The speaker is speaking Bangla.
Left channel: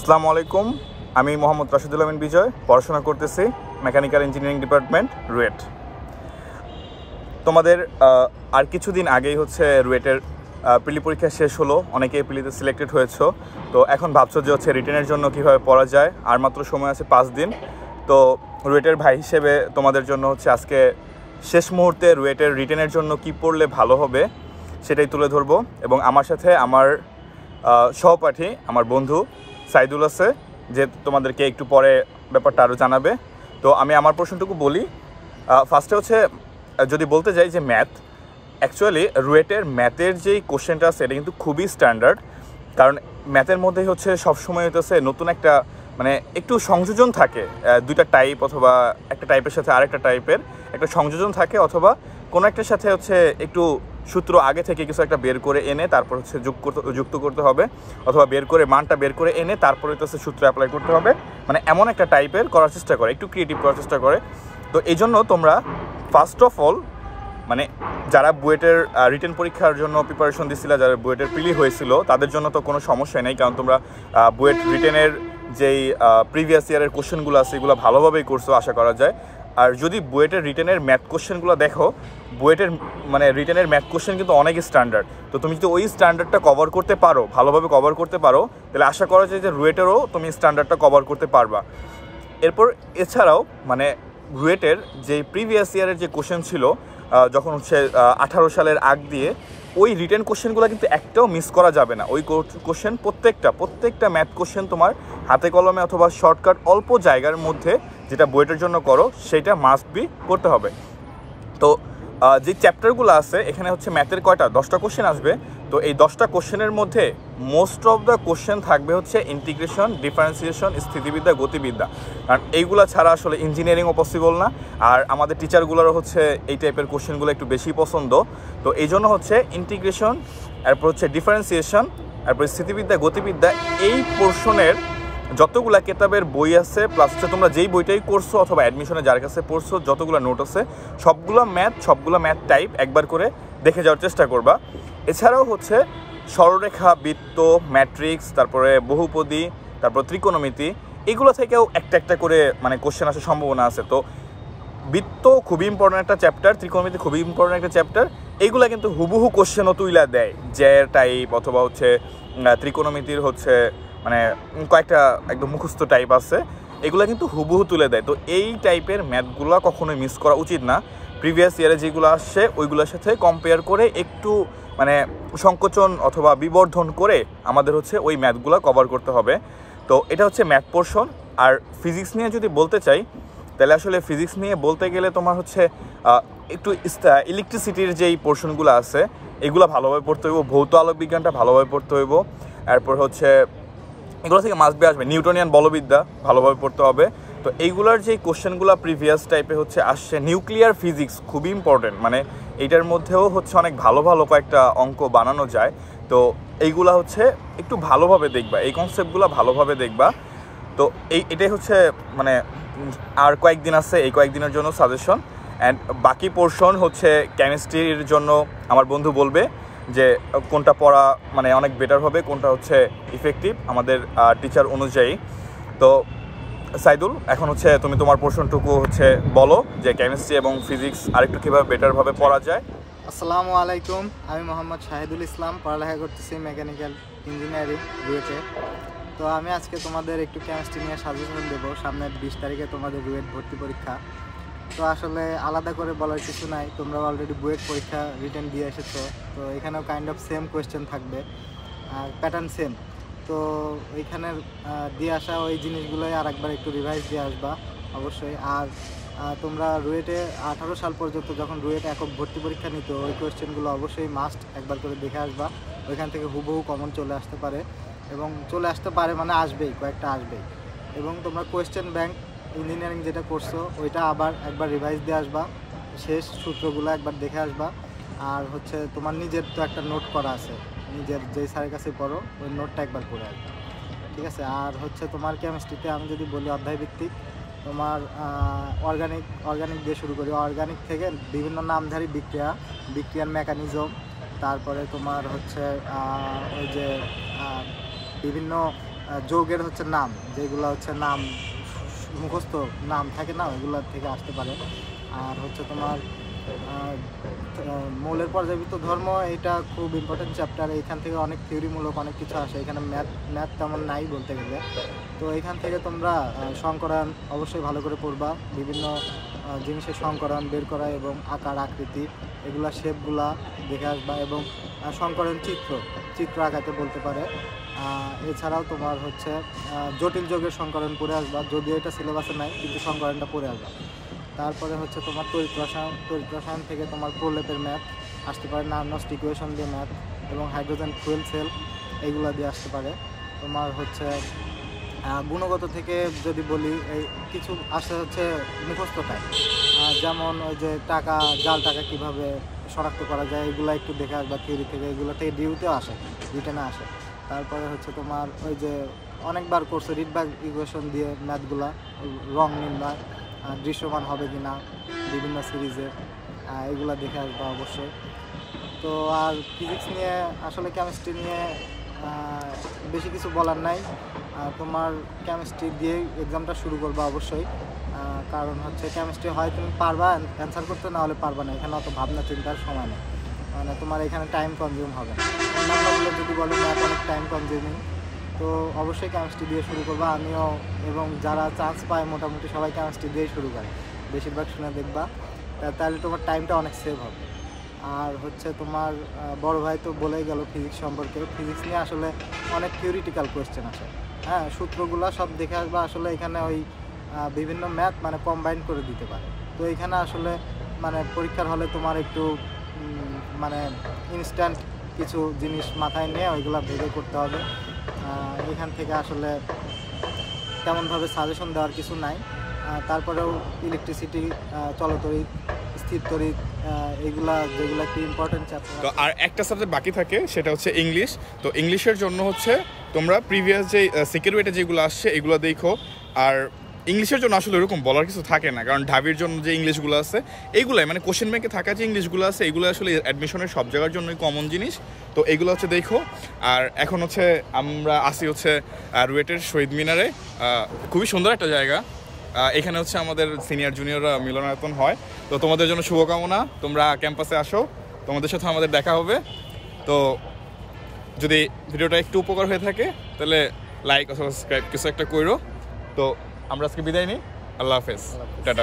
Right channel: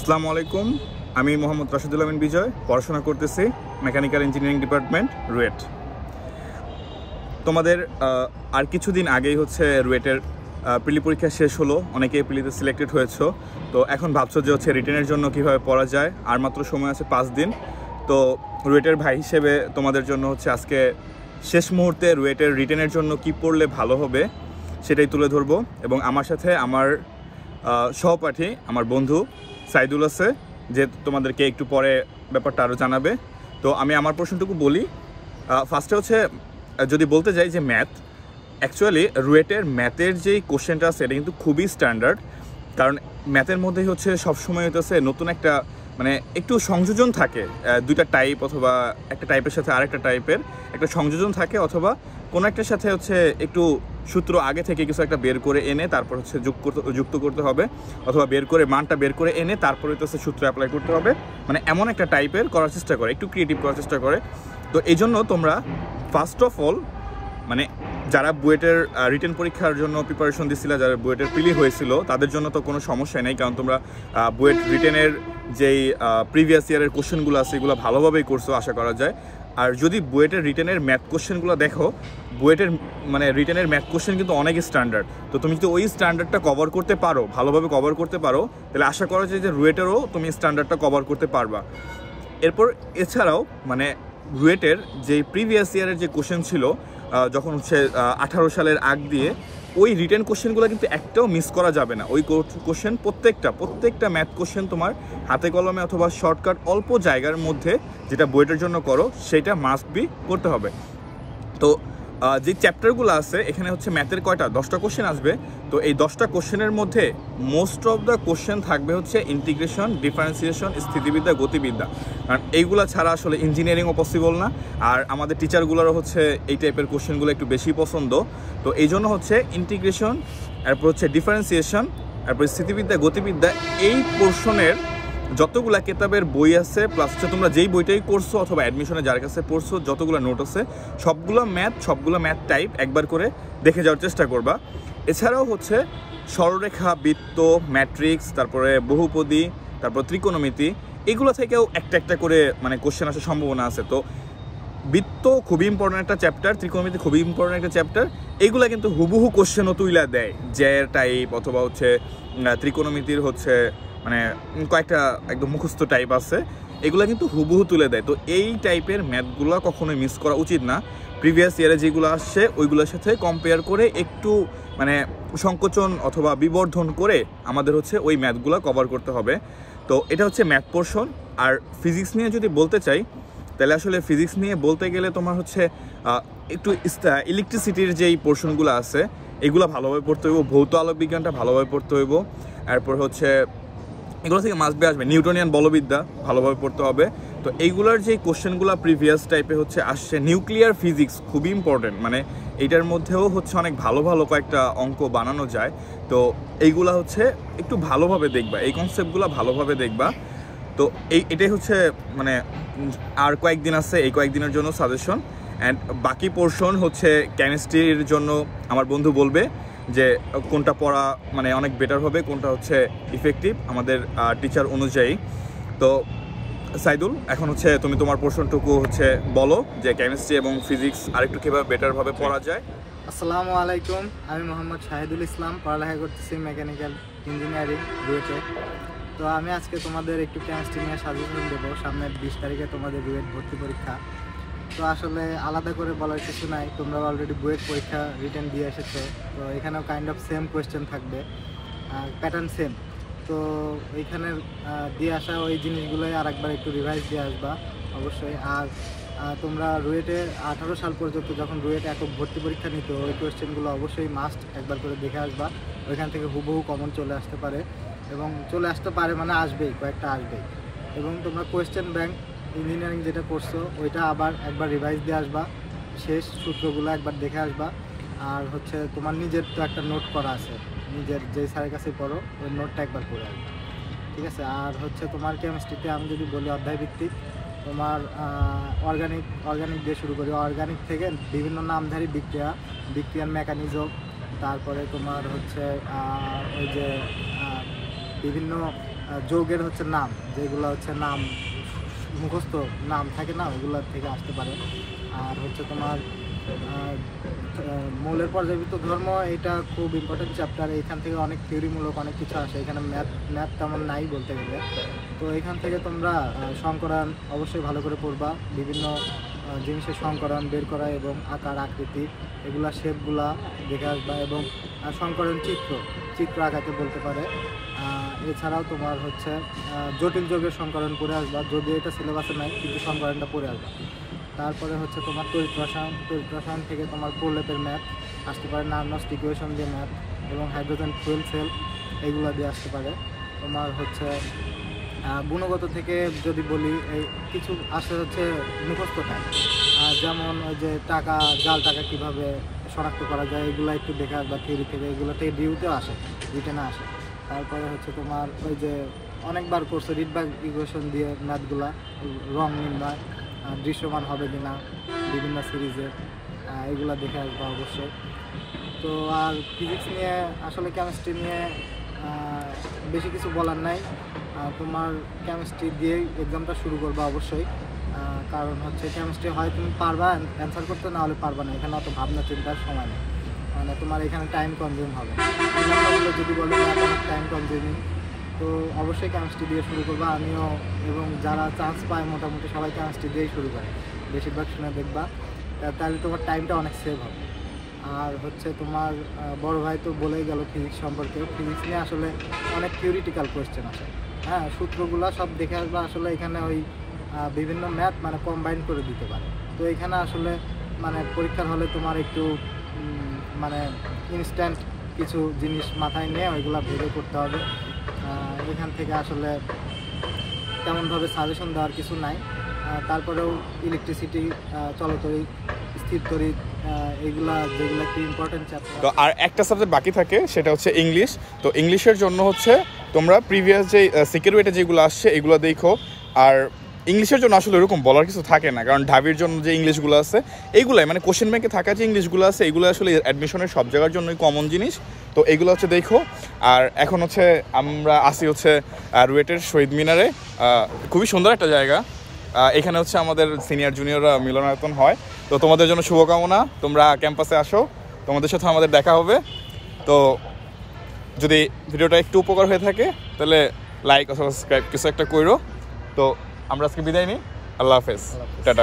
আসসালামু আলাইকুম, আমি মোহাম্মদ রাশিদুল আমিন বিজয়, পড়াশোনা করতেছি মেকানিক্যাল ইঞ্জিনিয়ারিং ডিপার্টমেন্ট, রুয়েট। তোমাদের আর কিছুদিন আগেই হচ্ছে রুয়েটের প্রিলি পরীক্ষা শেষ হলো, অনেকেই প্রিলিতে সিলেক্টেড হয়েছো। তো এখন ভাবছো যে হচ্ছে রিটেনের জন্য কীভাবে পড়া যায়। আর মাত্র সময় আছে 5 দিন। তো রুয়েটের ভাই হিসেবে তোমাদের জন্য হচ্ছে আজকে শেষ মুহূর্তে রুয়েটের রিটেনের জন্য কি পড়লে ভালো হবে সেটাই তুলে ধরবো। এবং আমার সাথে আমার সহপাঠী, আমার বন্ধু সাইদুল আছে, যে তোমাদেরকে একটু পরে ব্যাপারটা আরও জানাবে। তো আমি আমার প্রশ্নটুকু বলি। ফার্স্টে হচ্ছে যদি বলতে যাই যে ম্যাথ, অ্যাকচুয়ালি রুয়েটের ম্যাথের যেই কোশ্চেনটা আছে এটা কিন্তু খুবই স্ট্যান্ডার্ড। কারণ ম্যাথের মধ্যেই হচ্ছে সবসময় হচ্ছে নতুন একটা মানে একটু সংযোজন থাকে, দুইটা টাইপ অথবা একটা টাইপের সাথে আরেকটা টাইপের একটা সংযোজন থাকে, অথবা কোনো একটার সাথে হচ্ছে একটু সূত্র আগে থেকে কিছু একটা বের করে এনে তারপর হচ্ছে যুক্ত করতে হবে, অথবা বের করে মানটা বের করে এনে তারপরে হচ্ছে সূত্র অ্যাপ্লাই করতে হবে। মানে এমন একটা টাইপের করার চেষ্টা করে, একটু ক্রিয়েটিভ করার চেষ্টা করে। তো এই জন্য তোমরা ফার্স্ট অফ অল মানে যারা বুয়েটের রিটেন পরীক্ষার জন্য প্রিপারেশন দিচ্ছিল, যারা বুয়েটের প্রিলি হয়েছিল, তাদের জন্য তো কোনো সমস্যাই নেই, কারণ তোমরা বুয়েট রিটেনের যেই প্রিভিয়াস ইয়ারের কোশ্চেনগুলো আছে এগুলো ভালোভাবেই করছো আশা করা যায়। আর যদি বুয়েটের রিটেনের ম্যাথ কোশ্চেনগুলো দেখো, বুয়েটের মানে রিটেনের ম্যাথ কোশ্চেন কিন্তু অনেক স্ট্যান্ডার্ড। তো তুমি যদি ওই স্ট্যান্ডার্ডটা কভার করতে পারো, ভালোভাবে কভার করতে পারো, তাহলে আশা করা যায় যে রুয়েটেরও তুমি স্ট্যান্ডার্ডটা কভার করতে পারবা। এরপর এছাড়াও মানে রুয়েটের যে প্রিভিয়াস ইয়ারের যে কোশ্চেন ছিল, যখন হচ্ছে 18 সালের আগ দিয়ে, ওই রিটেন কোশ্চেনগুলো কিন্তু একটাও মিস করা যাবে না। ওই কোশ্চেন প্রত্যেকটা ম্যাথ কোশ্চেন তোমার হাতে কলমে অথবা শর্টকাট অল্প জায়গার মধ্যে যেটা বুয়েটের জন্য করো সেটা মাস্ট বি করতে হবে। তো যে চ্যাপ্টারগুলো আছে এখানে হচ্ছে ম্যাথের 10টা কোশ্চেন আসবে। তো এই 10টা কোশ্চেনের মধ্যে মোস্ট অফ দ্য কোশ্চেন থাকবে হচ্ছে ইন্টিগ্রেশন, ডিফারেন্সিয়েশন, স্থিতিবিদ্যা, গতিবিদ্যা। কারণ এইগুলো ছাড়া আসলে ইঞ্জিনিয়ারিংও পসিবল না। আর আমাদের টিচারগুলোরও হচ্ছে এই টাইপের কোশ্চেনগুলো একটু বেশি পছন্দ। তো এই জন্য হচ্ছে ইন্টিগ্রেশন, এরপর হচ্ছে ডিফারেন্সিয়েশন, এরপর স্থিতিবিদ্যা, গতিবিদ্যা, এই পোর্শনের যতগুলা কেতাবের বই আছে, প্লাস হচ্ছে তোমরা যেই বইটাই করছো অথবা অ্যাডমিশনে যার কাছে পড়ছো, যতগুলো নোট আছে সবগুলো ম্যাথ টাইপ একবার করে দেখে যাওয়ার চেষ্টা করবা। এছাড়াও হচ্ছে সরলরেখা, বৃত্ত, ম্যাট্রিক্স, তারপরে বহুপদী, তারপর ত্রিকোণমিতি, এগুলো থেকেও একটা করে মানে কোশ্চেন আসার সম্ভাবনা আছে। তো বৃত্ত খুবই ইম্পর্টেন্ট একটা চ্যাপ্টার, ত্রিকোণমিতি খুবই ইম্পর্টেন্ট একটা চ্যাপ্টার। এইগুলা কিন্তু হুবহু কোশ্চেনও তুইলা দেয়, জ্যার টাইপ অথবা হচ্ছে ত্রিকোণমিতির হচ্ছে মানে কয়েকটা একদম মুখস্থ টাইপ আছে, এগুলো কিন্তু হুবহু তুলে দেয়। তো এই টাইপের ম্যাথগুলো কখনোই মিস করা উচিত না। প্রিভিয়াস ইয়ারে যেগুলো আসছে ওইগুলোর সাথে কম্পেয়ার করে একটু মানে সংকোচন অথবা বিবর্ধন করে আমাদের হচ্ছে ওই ম্যাথগুলো কভার করতে হবে। তো এটা হচ্ছে ম্যাথ পোর্শন। আর ফিজিক্স নিয়ে যদি বলতে চাই, তাহলে আসলে ফিজিক্স নিয়ে বলতে গেলে তোমার হচ্ছে একটু ইলেকট্রিসিটির যেই পোর্শনগুলো আছে এগুলো ভালোভাবে পড়তে হইব, ভৌত আলোক বিজ্ঞানটা ভালোভাবে পড়তে হইব। এরপর হচ্ছে এগুলো থেকে মাস্ট বি আসবে নিউটনিয়ান বলবিদ্যা ভালোভাবে পড়তে হবে। তো এইগুলোর যে কোশ্চেনগুলো প্রিভিয়াস টাইপে হচ্ছে আসছে, নিউক্লিয়ার ফিজিক্স খুবই ইম্পর্টেন্ট, মানে এইটার মধ্যেও হচ্ছে অনেক ভালো কয়েকটা অঙ্ক বানানো যায়। তো এইগুলা হচ্ছে একটু ভালোভাবে দেখবা, এই কনসেপ্টগুলো ভালোভাবে দেখবা। তো এটাই হচ্ছে মানে আর কয়েকদিন আছে, এই কয়েকদিনের জন্য সাজেশন। অ্যান্ড বাকি পোর্শন হচ্ছে কেমিস্ট্রির জন্য আমার বন্ধু বলবে যে কোনটা পড়া মানে অনেক বেটার হবে, কোনটা হচ্ছে ইফেক্টিভ আমাদের টিচার অনুযায়ী। তো সাইদুল, এখন হচ্ছে তুমি তোমার পোর্শনটুকু হচ্ছে বলো যে কেমিস্ট্রি এবং ফিজিক্স আরেকটু কীভাবে বেটারভাবে পড়া যায়। আসসালামু আলাইকুম, আমি মোহাম্মদ শাহিদুল ইসলাম, পড়ালেখা করতেছি মেকানিক্যাল ইঞ্জিনিয়ারিং রুয়েটে। তো আমি আজকে তোমাদের একটু কেমিস্ট্রি নিয়ে সাজেশন দেবো। সামনের 20 তারিখে তোমাদের রুয়েট ভর্তি পরীক্ষা। তো আসলে আলাদা করে বলার কিছু নাই, তোমরা অলরেডি বুয়েট পরীক্ষা রিটেন দিয়ে এসেছো। তো এখানেও কাইন্ড অফ সেম কোয়েশ্চেন থাকবে, আর প্যাটার্ন সেম। তো এইখানের দিয়ে আসা ওই জিনিসগুলোই আর একবার একটু রিভাইজ দিয়ে আসবা অবশ্যই। আর তোমরা রুয়েটে 18 সাল পর্যন্ত যখন রুয়েটে একক ভর্তি পরীক্ষা নিত, ওই কোয়েশ্চেনগুলো অবশ্যই মাস্ট একবার করে দেখে আসবা। ওইখান থেকে হুবহু কমন চলে আসতে পারে, এবং চলে আসতে পারে মানে আসবেই, কয়েকটা আসবেই। এবং তোমরা কোয়েশ্চেন ব্যাংক ইঞ্জিনিয়ারিং যেটা করছো ওইটা আবার একবার রিভাইজ দিয়ে আসবা, শেষ সূত্রগুলো একবার দেখে আসবা। আর হচ্ছে তোমার নিজের তো একটা নোট করা আছে, নিজের যেই স্যারের কাছে পড়ো ওই নোটটা একবার করে আসবা, ঠিক আছে? আর হচ্ছে তোমার কেমিস্ট্রিতে আমি যদি বলি অধ্যায়ভিত্তিক, তোমার অর্গানিক দিয়ে শুরু করি। অর্গানিক থেকে বিভিন্ন নামধারী বিক্রিয়ার মেকানিজম, তারপরে তোমার হচ্ছে ওই যে বিভিন্ন যৌগের হচ্ছে নাম, যেগুলো হচ্ছে নাম মুখস্থ নাম থাকে না, ওইগুলো থেকে আসতে পারে। আর হচ্ছে তোমার মৌলের পর্যায়বৃত্ত ধর্ম, এটা খুব ইম্পর্টেন্ট চ্যাপ্টার। এইখান থেকে অনেক থিওরিমূলক অনেক কিছু আসে, এখানে ম্যাথ তেমন নাই বলতে গেলে। তো এখান থেকে তোমরা সংকরণ অবশ্যই ভালো করে পড়বা, বিভিন্ন জিনিসের সংকরণ বের করা এবং আকার আকৃতি এগুলা শেপগুলা দেখে আসবা, এবং সংকরণ চিত্র আঁকাতে বলতে পারে। এছাড়াও তোমার হচ্ছে জটিল যোগের সংকরণ পড়ে আসবা, যদিও এটা সিলেবাসে নাই, কিন্তু সংকরণটা পড়ে আসবা। তারপরে হচ্ছে তোমার তড়িৎ রসায়ন থেকে তোমার প্রলেপের ম্যাথ আসতে পারে, নার্নস্ট ইকুয়েশন দিয়ে ম্যাথ, এবং হাইড্রোজেন ফুয়েল সেল এইগুলো দিয়ে আসতে পারে। তোমার হচ্ছে গুণগত থেকে যদি বলি, এই কিছু আসে হচ্ছে মুখস্থটা, যেমন ওই যে জাল টাকা কীভাবে শনাক্ত করা যায়, এগুলো একটু দেখে আসবা থিওরি থেকে, এগুলো থেকে ডিউতেও আসে, রিটেনে আসে। তারপরে হচ্ছে তোমার ওই যে অনেকবার করছে রিডবার্গ ইকুয়েশন দিয়ে ম্যাথগুলা, রং নির্ণয়, দৃশ্যমান হবে কিনা বিভিন্ন সিরিজে, এগুলো দেখে আসবা অবশ্যই। তো আর ফিজিক্স নিয়ে আসলে কেমিস্ট্রি নিয়ে বেশি কিছু বলার নাই। তোমার কেমিস্ট্রি দিয়েই এক্সামটা শুরু করবা অবশ্যই, কারণ হচ্ছে কেমিস্ট্রি হয় তুমি পারবা অ্যান্সার করতে, না হলে পারবা না, এখানে অত ভাবনা চিন্তার সময় নেই, মানে তোমার এখানে টাইম কনজিউম হবে। অন্যান্যগুলো যদি বলি ম্যাথ অনেক টাইম কনজিউমিং, তো অবশ্যই কেমিস্ট্রি দিয়ে শুরু করবা। আমিও এবং যারা চান্স পায় মোটামুটি সবাই কেমিস্ট্রি দিয়েই শুরু করে, বেশিরভাগ শুনে দেখবা, তাহলে তোমার টাইমটা অনেক সেভ হবে। আর হচ্ছে তোমার বড় ভাই তো বলেই গেল ফিজিক্স সম্পর্কে। ফিজিক্স নিয়ে আসলে অনেক থিওরিটিক্যাল কোয়েশ্চেন আছে, হ্যাঁ, সূত্রগুলো সব দেখে আসবা। আসলে এখানে ওই বিভিন্ন ম্যাথ মানে কম্বাইন করে দিতে পারে, তো এখানে আসলে মানে পরীক্ষার হলে তোমার একটু মানে ইনস্ট্যান্ট কিছু জিনিস মাথায় নিয়ে ওইগুলো ভেবে করতে হবে। এখান থেকে আসলে তেমনভাবে সাজেশন দেওয়ার কিছু নাই। তারপরেও ইলেকট্রিসিটি, চলতরিৎ, স্থির তড়িৎ, এগুলা যেগুলো একটু ইম্পর্টেন্ট চ্যাপ্টার। তো আর একটা সাবজেক্ট বাকি থাকে, সেটা হচ্ছে ইংলিশ। তো ইংলিশের জন্য হচ্ছে তোমরা প্রিভিয়াস যে সিকিউরিটি যেগুলো আসছে এগুলো দেখো। আর ইংলিশের জন্য আসলে এরকম বলার কিছু থাকে না, কারণ ঢাবির জন্য যে ইংলিশগুলো আছে এইগুলাই মানে কোশ্চেন ব্যাংকে থাকা যে ইংলিশগুলো আছে এগুলো আসলে অ্যাডমিশনের সব জায়গার জন্যই কমন জিনিস। তো এগুলো হচ্ছে দেখো। আর এখন হচ্ছে আমরা আসি হচ্ছে রুয়েটের শহীদ মিনারে, খুবই সুন্দর একটা জায়গা। এখানে হচ্ছে আমাদের সিনিয়র জুনিয়ররা মিলনায়তন হয়। তো তোমাদের জন্য শুভকামনা, তোমরা ক্যাম্পাসে আসো, তোমাদের সাথে আমাদের দেখা হবে। তো যদি ভিডিওটা একটু উপকার হয়ে থাকে তাহলে লাইক অথবা সাবস্ক্রাইব কিছু একটা করো। তো আমরা আজকে বিদায় নিই, আল্লাহ হাফেজ, টাটা।